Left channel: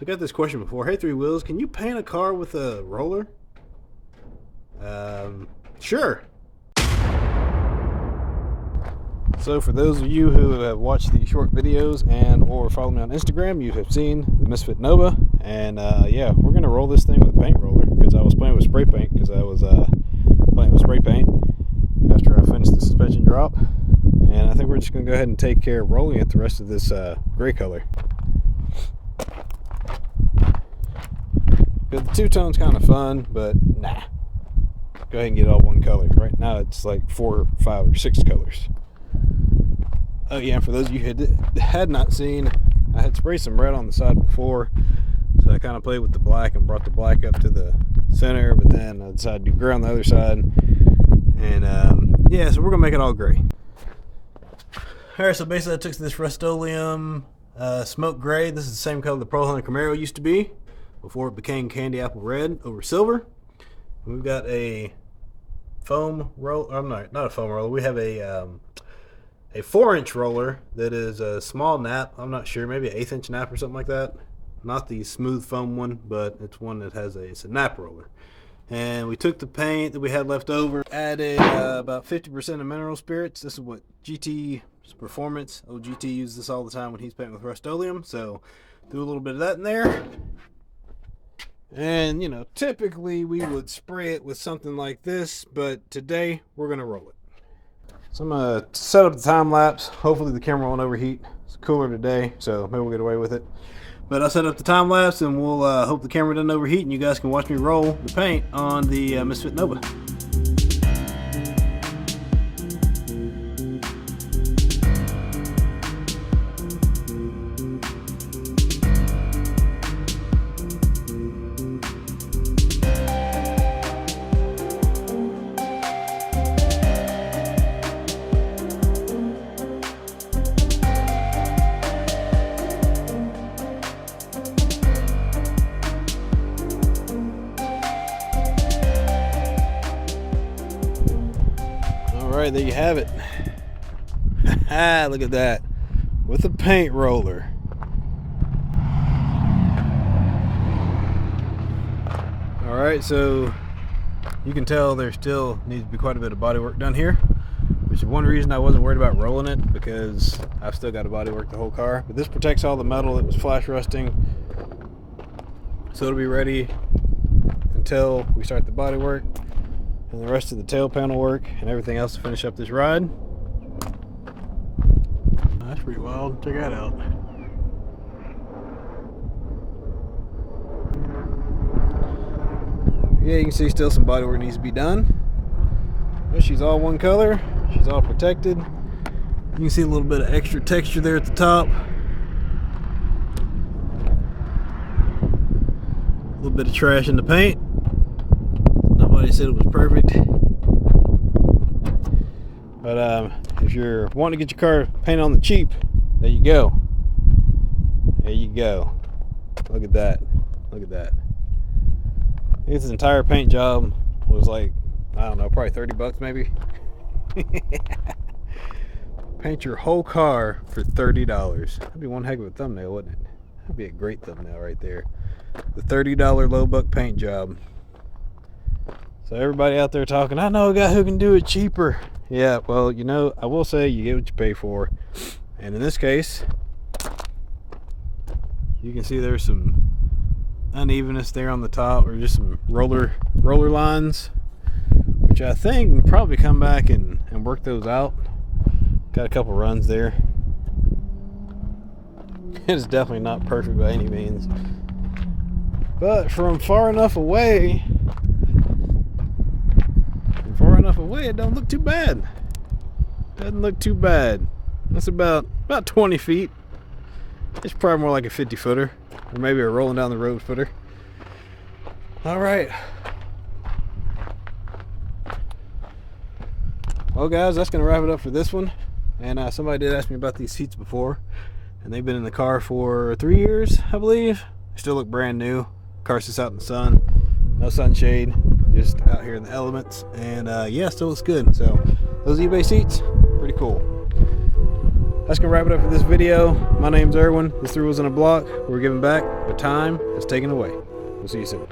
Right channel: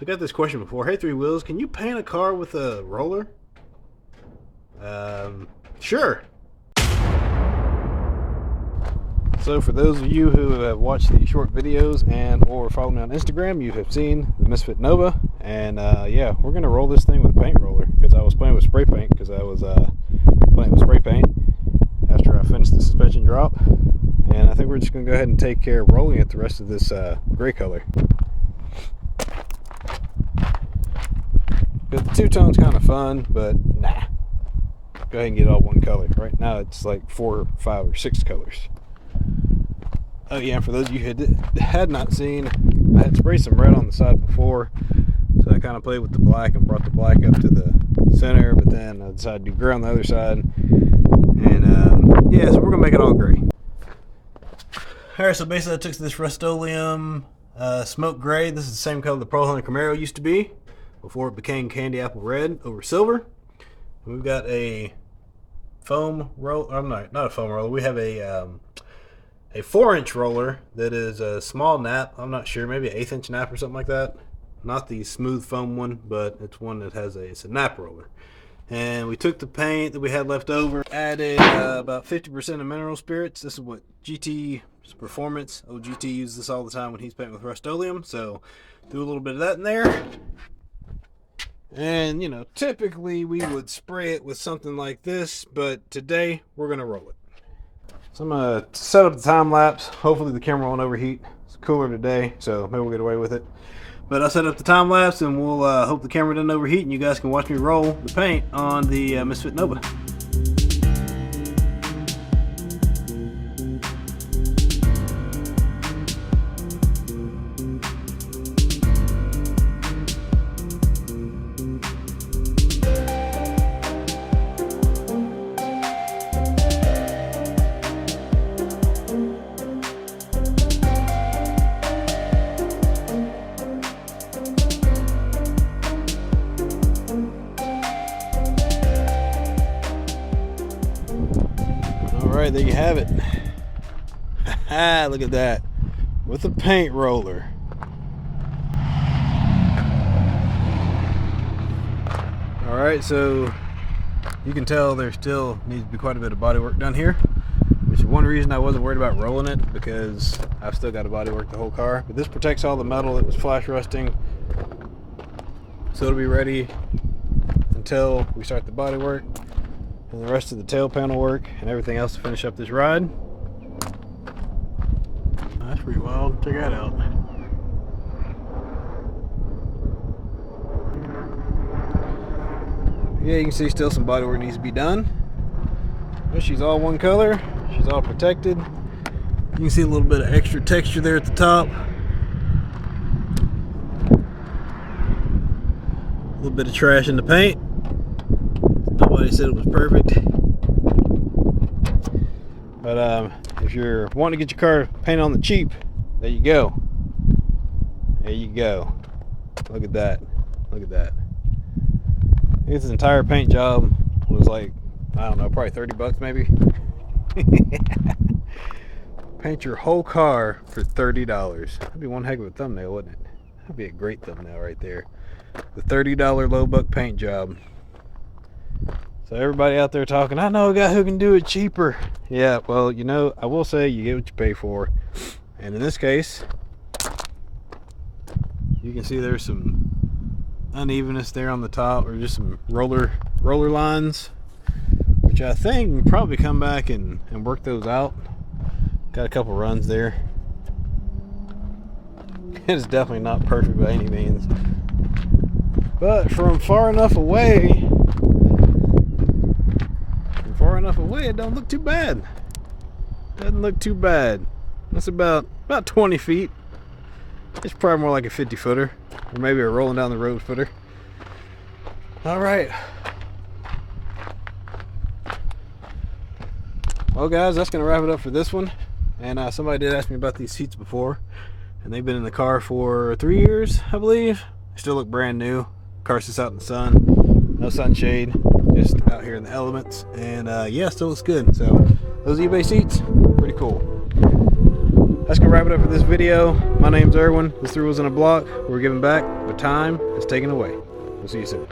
So I got this question before. Hey, Three Wheels, can you paint a car with a roller? Sure. So for those of you who have watched the short videos and or follow me on Instagram, you have seen the Misfit Nova. And yeah, we're going to roll this thing with a paint roller because I was playing with spray paint because I was playing with spray paint after I finished the suspension drop. And I think we're just going to go ahead and take care of rolling it the rest of this gray color. Because the two-tone's kind of fun, but nah. Go ahead and get all one color. Right now it's like 4, 5, or 6 colors. Oh yeah, and for those of you who had not seen, I had sprayed some red on the side before. So I kind of played with the black and brought the black up to the center, but then I decided to do gray on the other side. And yeah, so we're going to make it all gray. Alright, so basically I took this Rustoleum Smoke Gray. This is the same color the Pro Hunter Camaro used to be before it became candy apple red over silver. And we've got a foam roll. I'm not a foam roller. We have a 4-inch roller that is a small nap. I'm not sure, maybe an 1/8-inch nap or something like that. Not the smooth foam one, but it's one that has it's a nap roller. And we took the paint that we had left over, added about 50% of mineral spirits. This is what GT Performance. GT uses this all the time when he's painting with Rustoleum. So do a little bit of that in there. And, you know, typically we would spray it with something like this, but today we're going to roll it. So I'm going to set up the time lapse. Hopefully the camera won't overheat. It's cooler today, so maybe we'll get away with it. But I'll set up the time lapse and we'll hope the camera doesn't overheat and you guys can watch me roll the paint on the Misfit Nova. Alright, there you have it. Look at that. With a paint roller. Alright, so you can tell there still needs to be quite a bit of body work done here, which is one reason I wasn't worried about rolling it, because I've still got to body work the whole car. But this protects all the metal that was flash rusting, so it'll be ready until we start the body work and the rest of the tail panel work and everything else to finish up this ride. That's pretty wild. Check that out. Yeah, you can see still some body work needs to be done. But she's all one color. She's all protected. You can see a little bit of extra texture there at the top. A little bit of trash in the paint. Nobody said it was perfect, but if you're wanting to get your car painted on the cheap, there you go. There you go. Look at that. Look at that. This entire paint job was like, I don't know, probably 30 bucks maybe. Paint your whole car for $30. That'd be one heck of a thumbnail, wouldn't it? That'd be a great thumbnail right there. The $30 low buck paint job. So everybody out there talking, I know a guy who can do it cheaper. Yeah, well, you know, I will say you get what you pay for. And in this case, you can see there's some unevenness there on the top, or just some roller lines, which I think we'll probably come back and work those out. Got a couple runs there. It's definitely not perfect by any means. But from far enough away, it don't look too bad. Doesn't look too bad. That's about 20 feet. It's probably more like a 50 footer, or maybe a rolling down the road footer. All right. Well guys, that's gonna wrap it up for this one. And somebody did ask me about these seats before, and they've been in the car for 3 years, I believe. They still look brand new. Car sits out in the sun, no sunshade, just out here in the elements, and yeah, still looks good. So those eBay seats, pretty cool. That's gonna wrap it up for this video. My name's Erwin. This Three Wheels in a Block. We're giving back what time is taken away. We'll see you soon.